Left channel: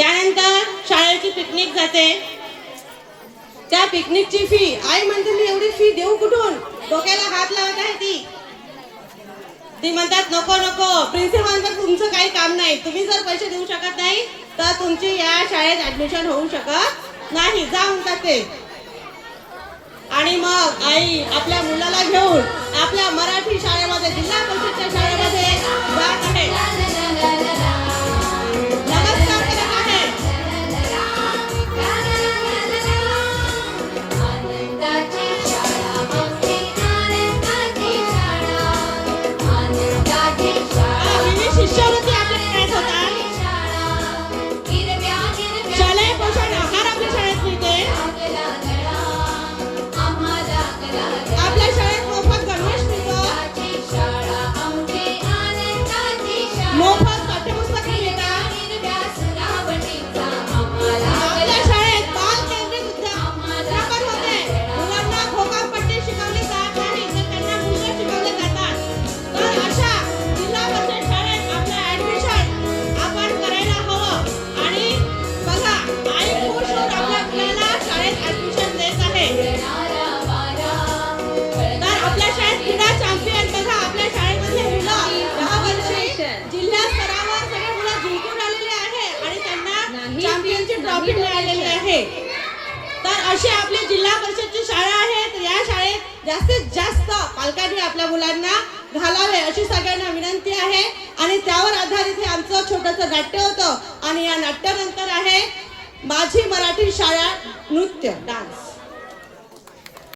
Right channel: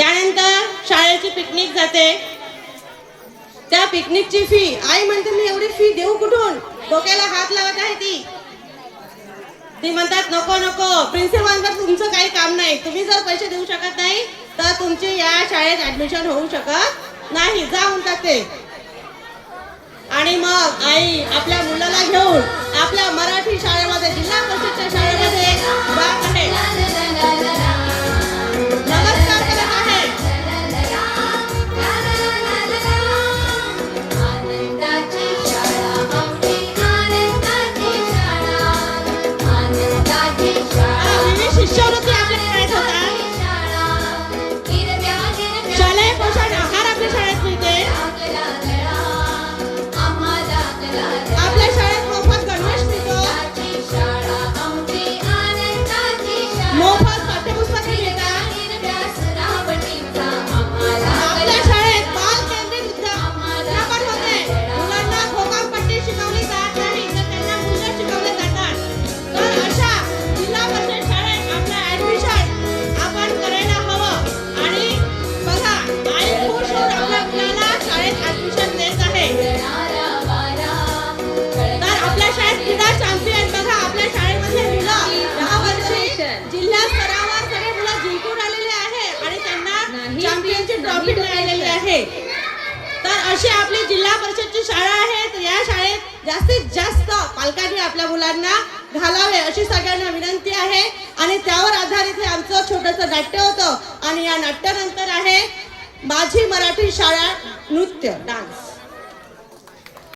त्यानंतर शाळेची पिकनिक जाते, त्या पिकनिकची फी आई म्हणते मी एवढी फी देऊ कुठून, डोक्याला हात लावत आहे ती म्हणतात नको नको, प्रिन्सिपलचं तुमचं काही काम नाही, तुम्ही जर पैसे देऊ शकत नाही तर तुमची या शाळेत ऍडमिशन होऊ शकत नाही, जा म्हणतात ते. आणि मग आई आपल्या मुलाला घेऊन आपल्या मराठी शाळेमध्ये, जिल्हा परिषदच्या शाळेमध्ये जात आहे, नमस्कार करत आहे. विविध शिष्यवृत्ती आपल्या शाळेत होतात, शालेय पोषण आहार आपल्या शाळेत मिळते, आपल्या शाळेत मोफत गणवेश मिळतो, मोफत पाठ्यपुस्तके मिळतात, आपल्या शाळेत बाल केंद्रित प्रकार होते, मुलांना घोकंपट्टी शिकवली जात नाही तर त्यांना गुंड शिकवले जातात. तर अशा जिल्हा परिषद शाळेत आपलं ऍडमिशन आपण करायला हवं. आणि बघा आई खुश होऊन आपल्या मुलाला शाळेत ऍडमिशन देत आहे. तर आपल्या शाळेत क्रीडा चॅम्पियन बघा, आपल्या शाळेमध्ये मुलं यावर्षी जिल्हा स्तरावर सगळे मुलं जिंकून आलेले आहे आणि त्यांना चॅम्पियनची ट्रॉफी मिळालेली आहे. तर अशी आपली जिल्हा परिषदची शाळा आहे, तर या शाळेत जास्तीत जास्त पालकांनी आपल्या मुलांना घालावे अशी सगळ्यांना विनंती आहे. आणि त्यावर आधारित हे आमचं छोटंसं नाट्य होतं आणि या नाट्यानंतर आहे माझी मराठी शाळा नृत्य डान्स.